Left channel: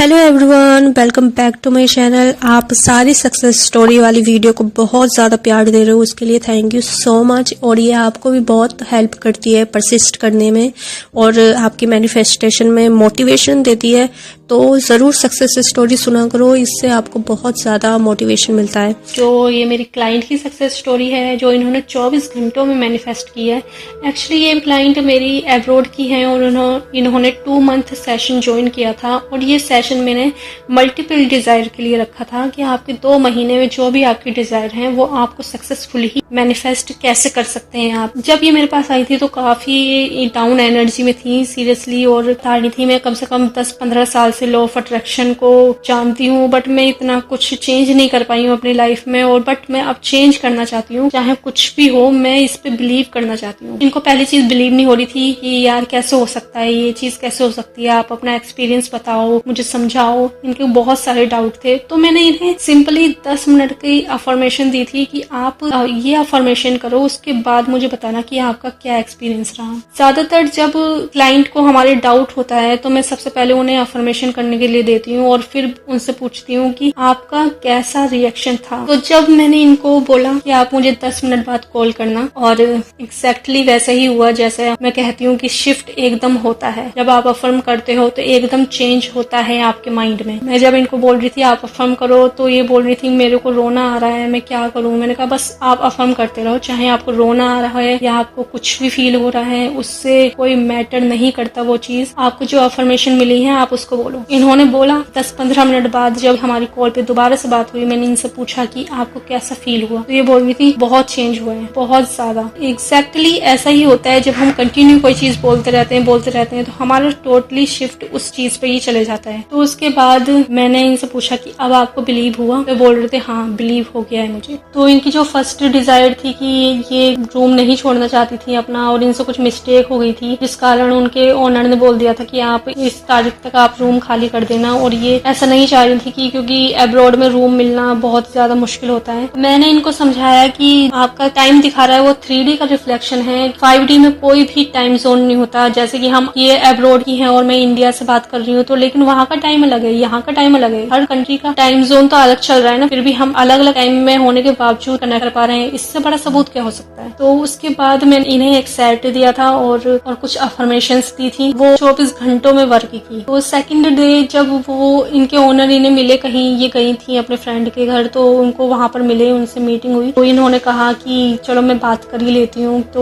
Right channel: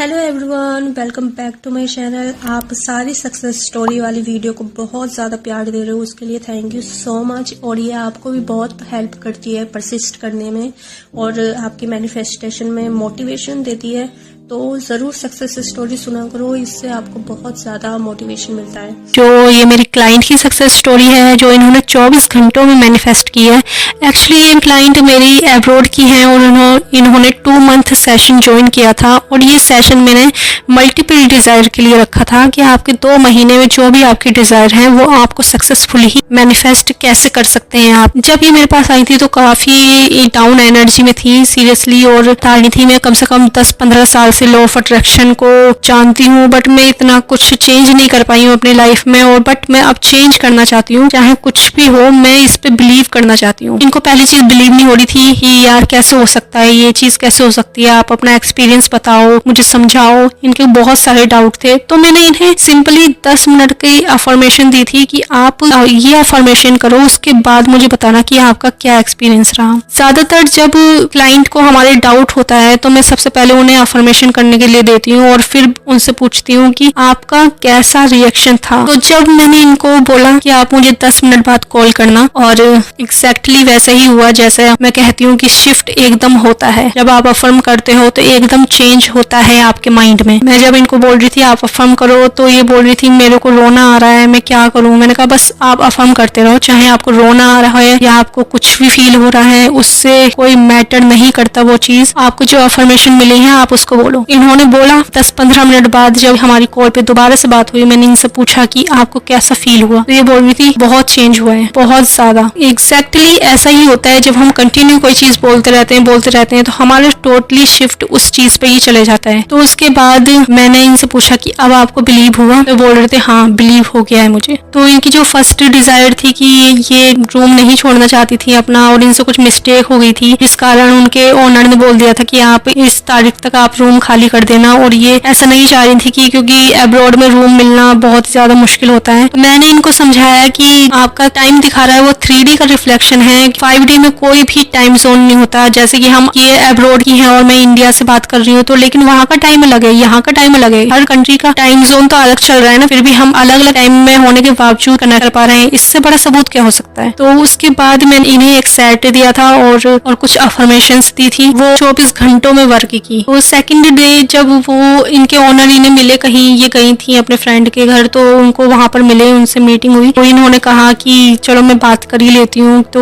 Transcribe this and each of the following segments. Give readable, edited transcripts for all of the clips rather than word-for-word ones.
Hello everyone, welcome back to my channel. आप सारी success story वाली वीडियो को बहुत ज़्यादा प्यार दे रहे हो, उसके लिए थैंक यू सो मच। और ये आपको भी बहुत हेल्प करती है परसिस्ट करने में और आपकी मैनिफेस्टेशन में मोटिवेशन देती है। तो ज़रूर सक्सेस स्टोरी सुना करो, इससे आपको बहुत ज़्यादा मोटिवेशन मिलता है। जो ये मेरी क्लाइंट की सक्सेस स्टोरी है जो इन्होंने 24 घंटों में मैनिफेस्ट की है। एक्चुअली ये क्लाइंट मेरी एब्रॉड की है और इन्होंने 2 मंथ सेशन ज्वाइन किया था और ये सेशन मैंने मल्टीपल डिज़ायर के लिए रखा था कि आपके 2 महीने में जो भी आपके डिज़ायर हैं वो आपको सक्सेसफुली ही मैनिफेस्ट कैसे कर सकते हैं आप। जब ये मेरे पास आई थी तो काफ़ी डाउन एनर्जी में थी सीरियसली, और बता रही थी मैं कम से कम 10-15 साल से लॉ ऑफ अट्रैक्शन को जानती हूँ, बट मैं इतना कुछ चेंज नहीं कर पाई हूँ अपनी लाइफ में। और बट मैं अब चेंज करना चाहती हूँ, चाहे कुछ भी हो मैं इस पे बिलीव करना चाहती हूँ। इनको पहली चीज बिलीव नहीं हो रही थी कि यार कैसे हो सकता है, ये चीज कैसे हो सकती है, आप अपना एक्सपीरियंस बताओ, मुझे समझाओ। इनके बहुत सारे डाउट थे, तो मैंने इन्हें सिंपली 10 मिनट की अफर्मेशन दी थी कि आप ये अफर्मेशन करो, उसके बाद मुझे बताना कि आपका क्या एक्सपीरियंस रहा। ज्यादातर जब क्लाइंट को हमारे डाउट होता है तो मैं सबसे पहले उन्हें अफर्मेशन करने के लिए देती हूँ और फिर उनसे पूछती हूँ कि आपका कैसा रिएक्शन था। तो जब मैंने इनको बोला कि आप मुझे 10 मिनट बाद कॉल करना, और एग्जैक्टली वैसे ही हुआ जैसे मैं कहती हूँ कि शिफ्ट एकदम होता है। जब आप अफर्म करते हो तो एकदम चेंज होता है आपके माइंड में। मैं जब इनको बोल रही थी आप अफर्म करो तो ये बोल रही थी मेरे को रोना आ रहा है, मैं क्या करूँ। मैंने कहा बस आप अफर्म करते रहो, चाहे आपको रोना आ रहा है या आपको कुछ भी फील हो रहा है, उससे कोई मैटर नहीं करता वो चीज। आपको जो अफर्मेशन मिली है आप उसको बोलो। इन्होंने बोला। 10-15 मिनट बाद जब हमारी कॉल पे दोबारा से बात हुई, मैंने इनसे पूछा कि आपको कैसा फील हुआ, तो ये बोल रही थी बहुत चेंज हुआ है, बहुत ज्यादा। एग्जैक्टली ऐसा ही होता है, जब हम कंटिन्यू कोई चीज बोलते रहते हैं तो हमारा टोटली शिफ्ट उस चीज पे ही चले जाता है। तो उसके बाद मैंने इनसे पूछा कि अब आपको बिलीव हुआ, तो बोल रहे थे हाँ बिलीव हो गया है मुझे। तो इनकी जो फर्स्ट डिजायर थी कि ये रूम नहीं छोड़ना चाहती थी अपना, और इनसे कुछ मिस्टेक हो गई थी जिस कारण उनके ओनर ने बोल दिया था कि आप इस तारीख तक आप रूम खाली कर देना, और ये ऐसा नहीं चाह रही थी कि क्योंकि अब्रॉड में रूम मिलना बहुत ज्यादा मुश्किल होता है। तो मैंने इनको समझाया कि आपका टाइम दिखा रहा है वो 3D का रिफ्लेक्शन है, 5D में कोई भी टाइम जोन नहीं होता। जैसे कि हम ये अब्रॉड की हैं और मैं इंडिया से बात कर रही हूँ, तो लेकिन वहाँ का टाइम अलग है, यहाँ का टाइम अलग है, हर कंट्री का टाइम जोन तो अलग चल रहा है ना, फिर भी हम अलग अलग टाइम में होने के बावजूद कनेक्ट कर पा रहे हैं। इससे बड़ा सबूत क्या हो सकता है। तो उसके बाद मैंने इन्हें एक सेट दिया था और कुछ अफर्मेशंस दी थी, वो 24 घंटों में वर्क की। तो सेकंड डे जब वो इनके ओनर इन्हें मिले, कहीं ये गई थी अपने फ्रेंड के घर, तो उनको वहां पर मिले, उनसे मीटिंग हुई, तो इन्होंने कहा कि चलो मैं बात कर ही लेती हूँ। तो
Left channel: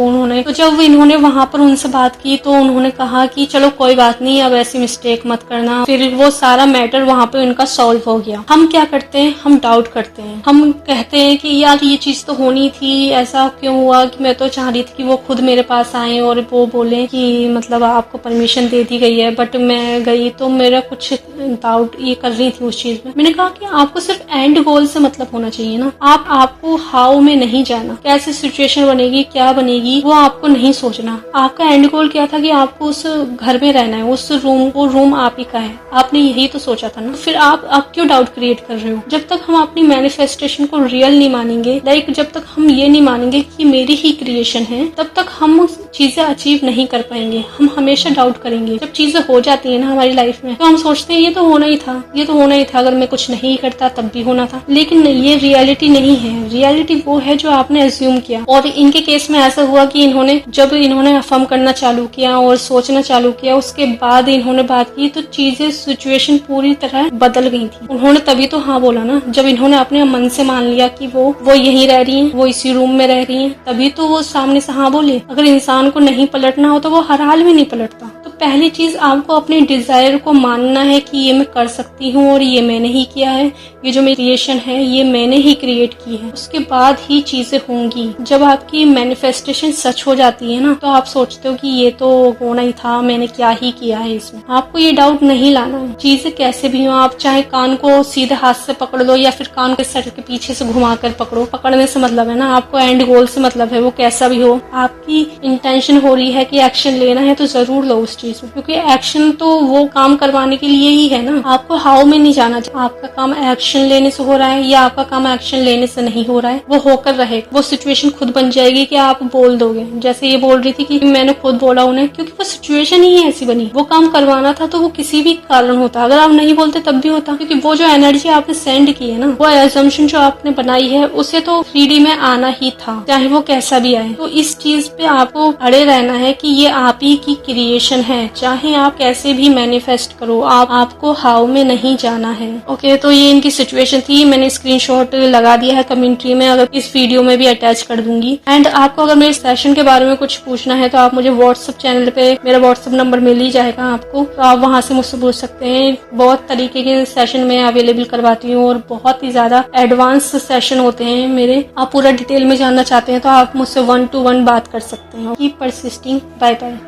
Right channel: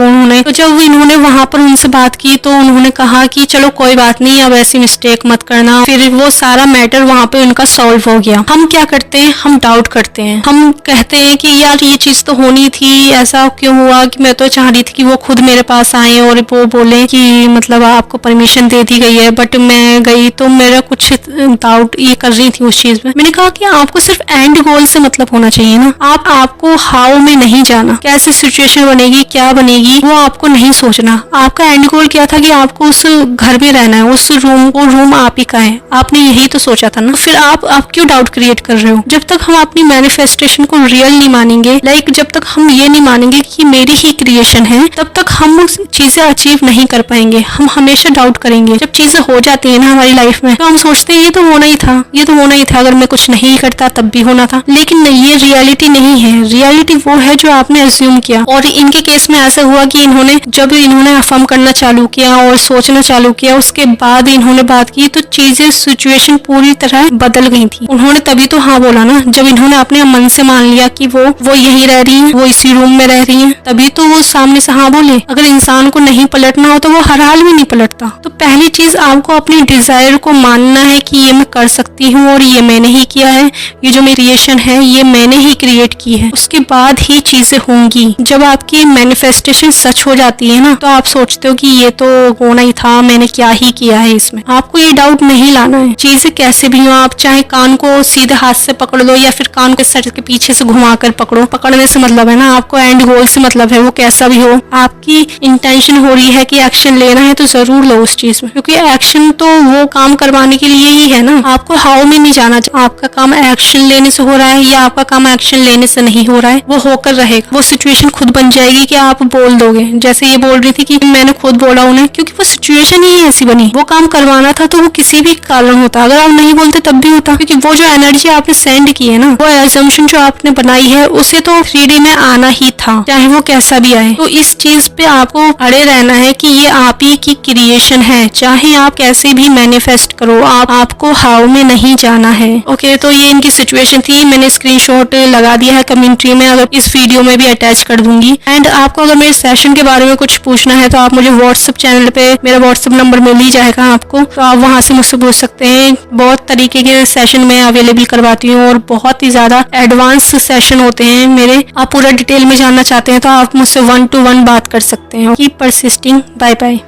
जब इन्होंने वहां पर उनसे बात की तो उन्होंने कहा कि चलो कोई बात नहीं, अब ऐसी मिस्टेक मत करना। फिर वो सारा मैटर वहां पे उनका सॉल्व हो गया। हम क्या करते हैं, हम डाउट करते हैं, हम कहते हैं कि यार ये चीज तो होनी थी, ऐसा क्यों हुआ, कि मैं तो चाह रही थी कि वो खुद मेरे पास आए और वो बोले कि मतलब आपको परमिशन दे दी गई है, बट मैं गई तो मेरा कुछ डाउट ये कर रही थी उस चीज में। मैंने कहा कि आपको सिर्फ एंड गोल से मतलब होना चाहिए ना, आपको हाउ में नहीं जाना, कैसे सिचुएशन बनेगी क्या बनेगी वो आपको नहीं सोचना। आपका एंड गोल क्या था कि आपको उस घर में रहना है, उस रूम आप ही का है, आपने यही तो सोचा था ना। फिर आप क्यों डाउट क्रिएट कर रहे हो। जब तक हम अपनी मैनिफेस्टेशन को रियल नहीं मानेंगे, जब तक हम ये नहीं मानेंगे कि मेरी ही क्रिएशन है, तब तक हम चीजें अचीव नहीं कर पाएंगे। हम हमेशा डाउट करेंगे। जब चीजें हो जाती है ना हमारी लाइफ में, तो हम सोचते हैं ये तो होना ही था, ये तो होना ही था, अगर मैं कुछ नहीं करता तब भी होना था। लेकिन नहीं, ये रियलिटी नहीं है। रियलिटी वो है जो आपने अज्यूम किया। और इनके केस में ऐसा हुआ कि जब इन्होंने अफर्म करना चालू किया और सोचना चालू किया, उसके बाद इन्होंने बात की तो चीजें सिचुएशन पूरी तरह बदल गई थी। उन्होंने तभी तो हाँ बोला ना, जब इन्होंने अपने मन से मान लिया कि वो यहीं रह रही है, वो इसी रूम में रह रही है, तभी तो वो सामने से हाँ बोले। अगर इंसान को नहीं पलटना हो तो वो हर हाल में नहीं पलटता। तो पहली चीज आपको अपने डिजायर को मानना है कि ये मैं कर सकती हूँ और ये मैंने ही किया है, ये जो मेरी क्रिएशन है ये मैंने ही क्रिएट की है। उसके बाद ही चीजें होंगी। जब आपकी मैनिफेस्टेशन सच हो जाती है ना, तो आप सोचते हो कि ये तो होना ही था, मैंने क्या ही किया है इसमें। आपको ये डाउट नहीं लाना है। चीजें कैसे भी हो, आप चाहे कान को सीधे हाथ से पकड़ लो या फिर कान के सर के पीछे से घुमा कर पकड़ो, पकड़ने से मतलब है ना, आपको एंड गोल से मतलब है। वो कैसा भी हो, आपकी इंटेंशन हो रही है कि एक्शन लेना है तो जरूर लो उस चीज में, क्योंकि एक्शन तो वो काम करवाने पाने के लिए ही है ना। आपको हाउ में नहीं जाना। आपका काम एक्शन लेने से हो रहा है या आपका काम एक्शन लेने से नहीं हो रहा है, वो होकर रहेगा। वो सिचुएशन खुद बन जाएगी कि आप बोल दोगे। जैसे ये बोल रही थी कि मैंने खुद बोला उन्हें, क्योंकि वो सिचुएशन ही ऐसी बनी। वो काम करवाना था तो वो किसी भी कारण होता, अगर आप नहीं बोलते तब भी होता, क्योंकि वो जो एनर्जी आपने सेंड की है ना, वो एजम्पशन जो आपने बनाई है उसे तो 3D में आना ही था, चाहे वो कैसा भी आए। तो इस चीज पे आपको अड़े रहना है कि ये आप ही की क्रिएशन है, चाहे आप कैसे भी मैनिफेस्ट करो, आपको हाउ में नहीं जाना है। ओके, तो ये इनकी सिचुएशन थी। मैंने स्क्रीनशॉट लगा दिया है कमेंट्री में, अगर इस वीडियो में भी अटैच कर दूंगी। एंड आपको अगर मेरे सेशन के बारे में कुछ पूछना है तो आप मुझे व्हाट्सएप चैनल पे, मेरा व्हाट्सएप नंबर मिल ही जाएगा आपको, तो आप वहां से मुझसे पूछ सकते हैं। बहुत तरीके के सेशन मैं अवेलेबल करवाती हूँ और बहुत ही ज्यादा एडवांस सेशन होते हैं मेरे। आप पूरा डिटेल में जानना चाहते हैं तो आप मुझसे 1-to-1 बात कर सकते हैं। Keep persisting. Bye bye.